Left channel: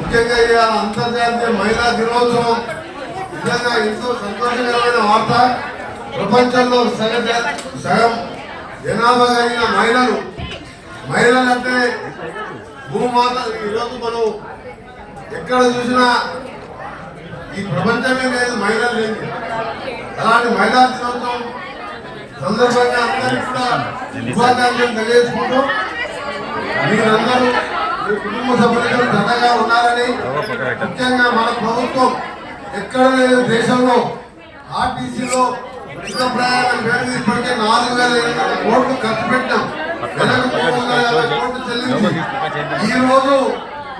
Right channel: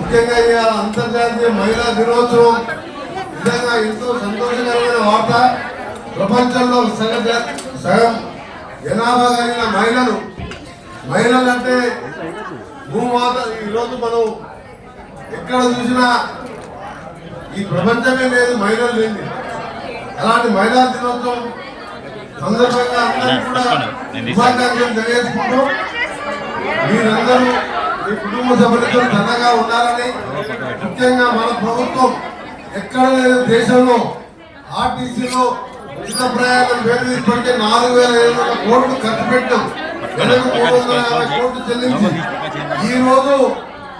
ముఖ్యంగా ఇవాళ అంతర్జాతీయ మహిళా దినోత్సవం నిజంగా ఎంతో సంతోషకరమైన వార్త. ప్రపంచంలో సగం జనాభా కలిగిన మహిళలంటే భూమాత. ఈరోజు మనం ఎక్కడ చూసినా ఈ ప్రపంచమే లేదు మహిళలు లేని. అలాంటి మహిళా దినోత్సవం సందర్భంగా అందరికీ కూడా శుభాకాంక్షలు తెలియజేసుకుంటూ మీరందరూ మీ కుటుంబ సభ్యులతో దండగా ఉండాలని, ముఖ్యంగా మన ప్రభుత్వం ఎక్కడ లేని దేశంలో ఆర్టీసీలో ఉచిత ప్రయాణం పేరు ఇప్పటికే 4,700 కోట్లు ఖర్చు పెట్టాం. నెలకు 350 కోట్లు చెల్లించి ఈ రోజు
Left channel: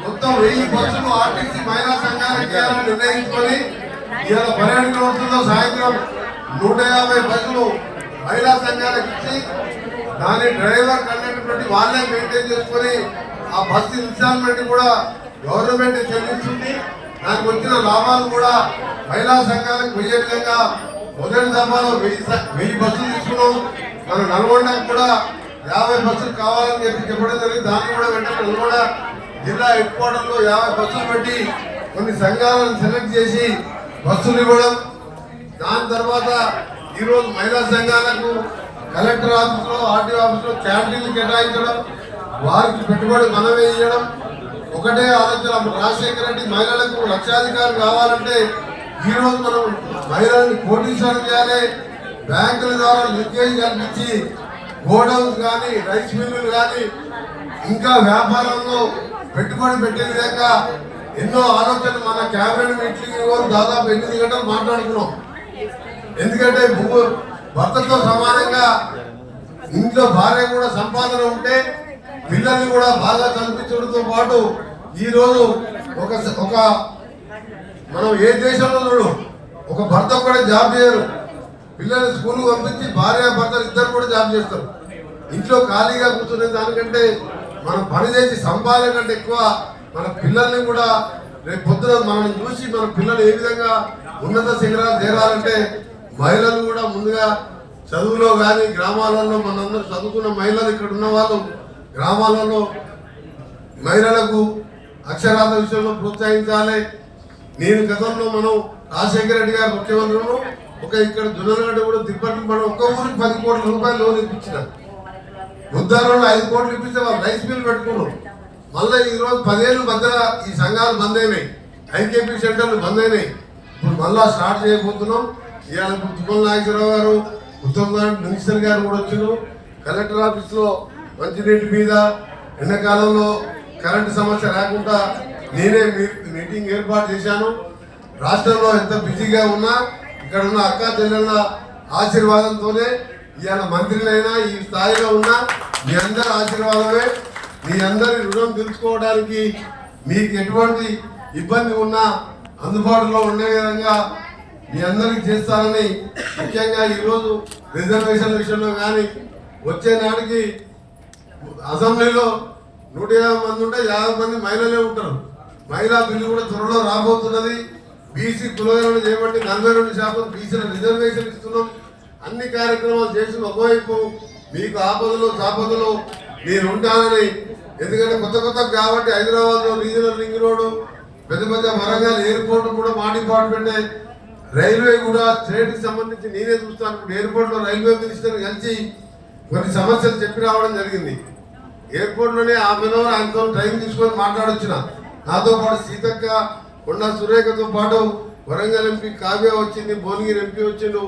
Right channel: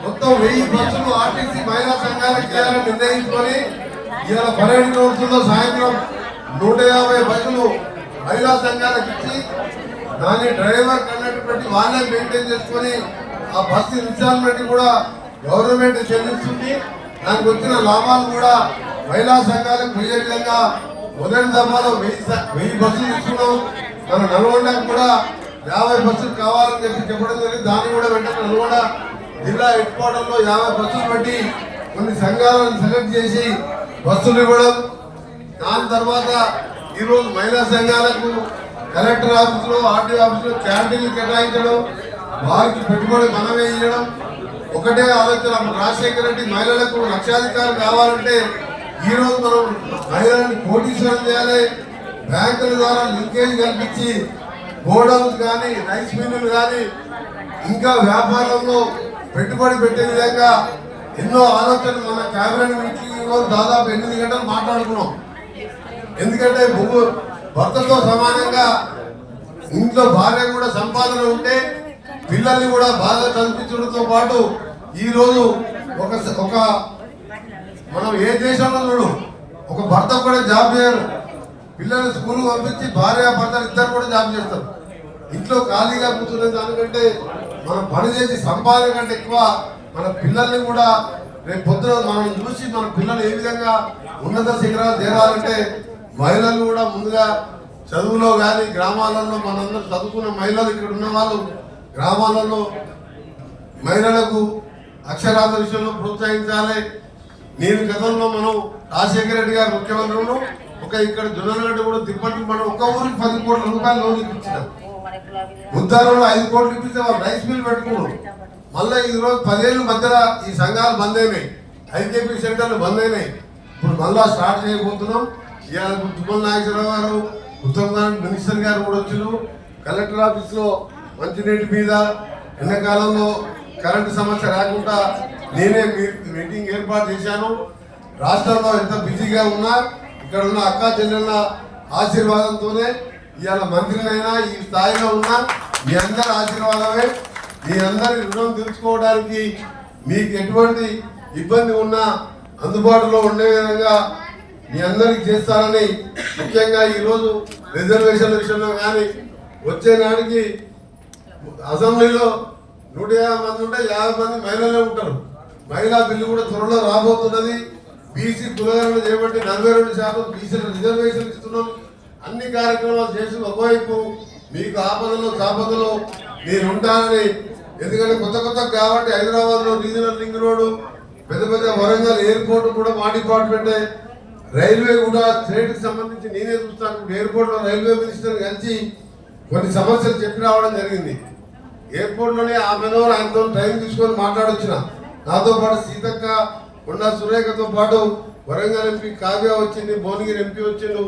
మొత్తం 1000 బస్సులు ఆర్టీసీ మహిళా సంఘానికి నిర్ణయించుకొని ఇవాళ పర్యాటక సంస్థలో సాయంత్రం 150 బస్సులు మహిళా సంఘాలకు ఇచ్చి దాని డ్రైవర్ కండక్టర్ పెట్టి వాళ్ళే మెయింటైన్ చేసుకొని ఆ బస్సు ఇన్స్టాల్మెంట్ కూడా గవర్నమెంట్ చెల్లిస్తుంది. దానికి వచ్చిన లాభాలు కూడా మహిళా సంఘాలకు పోయే విధంగా మొదటి దఫాలో 1000 బస్సులు తీసుకున్నాం. మన నల్గొండకు కూడా 50 బస్సులు కావాలని చెప్పడం జరిగింది. దాన్ని కూడా వెంటనే నల్గొండ జిల్లా హెడ్ క్వార్టర్లో 50 బస్సులు పెట్టి కొన్ని సంఘాలను సెలెక్ట్ చేసి బస్సులు ఇవ్వడం. దాని తర్వాత ఈరోజు మహిళా సంఘాలకు కలెక్టర్ ఆఫీసులో ఆర్టీఓ ఆఫీసులో క్యాంటీన్లు కేటాయించడం, వారికి పెట్టుబడి మనమే ఇవ్వడం. ఒకటే ఆలోచన, రాజశేఖర రెడ్డి మహిళలకు లక్షాధికారం కావాలంటే ఈరోజు మనం మహిళలను కోటీశ్వరం చేయాలి. బ్యాంకుల ద్వారా లింకేజ్ కల్పించి గోడౌన్స్ కానీ రైస్ మిల్లులు కానీ ఇంకా వ్యాపారంలో పెట్టుబడి పెట్టే విధంగా ఎన్నో ఆలోచనలు మన క్యాబినెట్ మీటింగ్ దాదాపు 8 గంటలు మాట్లాడుకున్నాం. ఎందుకంటే భర్తతో సమానంగా ఇంట్లో భార్య కూడా సంపాదన ఉంటే పిల్లల్ని కూడా బాగా చదివించడంతో పాటు ఈరోజు ఒక మనం ఏ దేశంలో చూడు ఒక భర్త కూడా జాబ్ చేయరు. పిల్లలు స్కూల్ పంపించి భార్య భర్త ఇద్దరు కూడా జాబ్ చేస్తారు. ఇంట్లో ఖాళీగా కూర్చునే దానికంటే మనం పని చేసి సంపాదన కంటే ఎక్కువ మన పిల్లల్ని కూడా రేపు పొద్దున మనం చూసి మన పిల్లలు ఏ విధంగా ఉన్నత శిఖరాలు చేరాలంటే మహిళలు కూడా ముందుగా చదువులో కానీ గ్రామాలలో మనందరూ చదువుకున్న మహిళలు ఇక్కడ ఉన్న వాళ్ళు గ్రామాలలో మహిళలకు అక్షరాల విషయంలో ప్రోత్సహించాలి. నేను గతంలో మనం రాజశేఖర రెడ్డి గారు ముఖ్యమంత్రులు ఇక్కడ జొన్నలగడ్డ కూడా తిప్పటి మనం ఒక్క ఊరికి 10 కోట్ల రూపాయలు లోన్ ఇప్పించినాం. ఉద్దారంలో 5 కోట్లు ఇప్పిస్తే వాళ్ళు రైస్ మిల్ పెట్టుకున్నారు. మళ్ళీ ఈరోజు 10 ఏళ్ళ మధ్యలో ఈ సంఘాలు బంద్ అయినాయి, ఐకేపీ సెంటర్లు బంద్ అయినాయి. ఇప్పుడు మళ్ళా స్టార్ట్ చేయబోతున్నాం. ఇవాళ తుమ్మల నాగేశ్వరరావు గారు, ఉత్తమ్ గారు, మినిస్టర్ గారు కూడా వచ్చారు. కలెక్టర్ ఆఫీస్లో మంచినీటి మీద ఎండాకాలంలో కరెంటు సమస్య లేకుండా నేనే మీటింగ్ ఏర్పాటు చేశాను. రాష్ట్రంలో ఎంత బిజీగా ఉన్నా ఇక్కడ ఉన్న అక్కా చెల్లెళ్ళ ఆశీర్వాదంతోనే ఇవాళ మంత్రినైనా ఈ స్థాయిలో ఉన్నా మీ అందరి ఆశీర్వాదమే. మీ అందరి రుణం తీర్చుకోవడానికి మీకు ఎటువంటి ఇబ్బంది ఉన్నా అందుబాటులో ఉండే విధంగా మీ అందరికి చేస్తారని, ముఖ్యంగా ఈరోజు రిజర్వేషన్ల విషయంలో కానీ వచ్చే నాటికి అసెంబ్లీలో 150 మంది ఉంటే 50 మంది మహిళలే ఉంటారు. మహిళా బిల్లు కూడా త్వరలో రాబోతున్నది. బీసీ కులగణన చేపట్టి 42% బీసీల రిజర్వేషన్ ఇస్తున్నాం. అన్ని కార్యక్రమాలు చేసి ఒకవైపు మీకు ఆపదలో సాపదలో మీరు ఉంటారని. ఎందుకంటే కొత్త కాబట్టి హైదరాబాద్లో రీజనల్ రింగ్ రోడ్డు, పెద్ద వరంగల్ ఎయిర్పోర్ట్ కూడా మా డిపార్ట్మెంటే, రైల్వే కూడా స్టేట్కి సంబంధించి నేనే చూస్తాను. ఇప్పుడు ఎయిర్పోర్ట్లో రైల్వే మినిస్టర్ కలిసి కొన్ని సమస్యలు చెప్పి రావడం జరిగింది. ఎయిర్పోర్ట్లోనే ఆయనతో టైం తీసుకొని మాట్లాడొచ్చిన. నాతో పాటు సీతక్క, కొండా సురేఖతో పాటు వరంగల్ ఎంపీ కావ్య వచ్చింది, భువనగిరి ఎంపీ వచ్చిండు.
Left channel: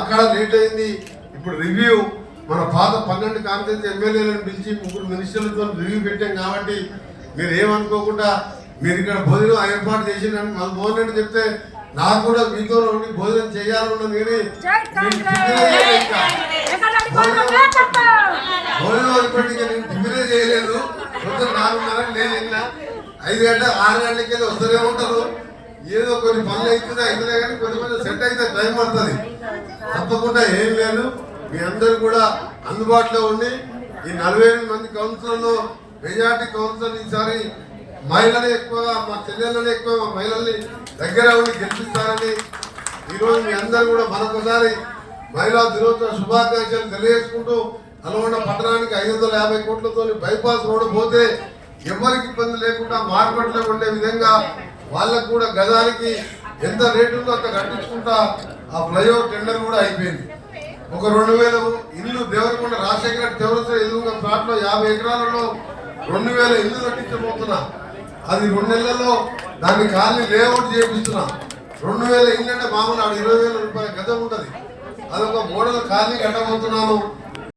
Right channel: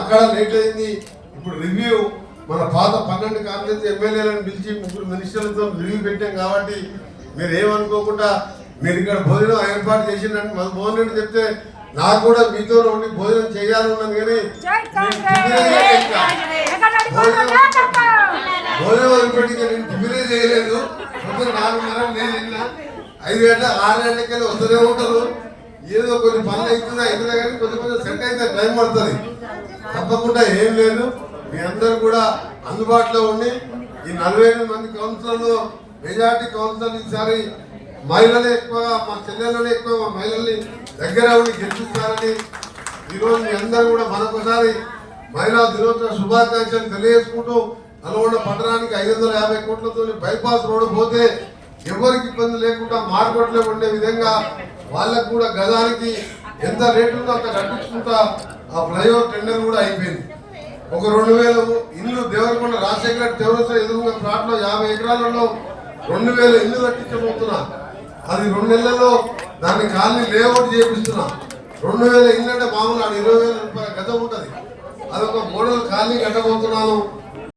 అక్కడ లేట్ అయింది. ఇప్పుడు రివ్యూ మన పాత 12 కాన్ఫరెన్స్ ఎమ్మెల్యేలను పిలిచి 3 మినిస్టర్లతో రివ్యూ పెట్టాం. కాబట్టి మీరు ఏమనుకోకుండా మీరు ఇక్కడ భోజనం ఏర్పాటు చేసిందని మన భోజనం రెడ్డి చెప్తే నాకు కూడా మీతో ఉండి భోజనం చేయాలన్నది. కానీ భోజనం వదిలిపెట్టి నేను టిఫినే చేయలేదు. పొద్దున 4:30 నేను తిన్నా. 5 గంటల 6 గంటలకి వెళ్ళి వస్తూనే ఉంటారు. ఏదో కొన్ని పనులు అవుతున్నా కానీ కొంచెం సెట్ అయితే టైం పడుతుంది. తప్పకుండా ఏం లేదు. మీ అందరూ కూడా అందుబాటులో ఉండి ఈ 48 మంది కౌన్సిలర్లో మెజార్టీ కౌన్సిలర్ ఈసారి మహిళలే ఎక్కువగా, మా చెల్లెళ్ళనే ఎక్కువ మహిళల్ని దగ్గర ఉండి గెలిపిస్తారని ఈరోజు మీ అందరూ కూడా మరొకసారి మహిళా దినోత్సవ శుభాకాంక్షలు తెలియజేసుకుంటూ, నల్గొండ పట్టణానికి 550 కోట్లతో బైపాస్ రోడ్డు పోతే ఎవరికి ఇబ్బంది లేకుండా మార్కెట్లో ఉండే విధంగా వాళ్ళకు కూడా గదానికి ఎంత రేటు ఉందో అంత కట్టించుకుంటా ఆ ఫ్లైఓవర్ టెండర్ కూడా అయిపోయింది. ఒక 2000 ఇల్లు దేవరకొండ రాజశేఖర చౌరస్తా ఎదురుగా ప్లాట్లో 50 ఎకరాలలో 2000 ఇల్లు కట్టించబోతున్నా. అది 2 నెలల్లో దాన్ని కాలనీ లేఅవుట్ చేపిస్తున్నా. 2000 ఇల్లు అంటే మామూలు 20,000 రూపాయల గతం ఉంటుంది. అదొక మోడల్ కాలనీ కట్టబోతున్నాను.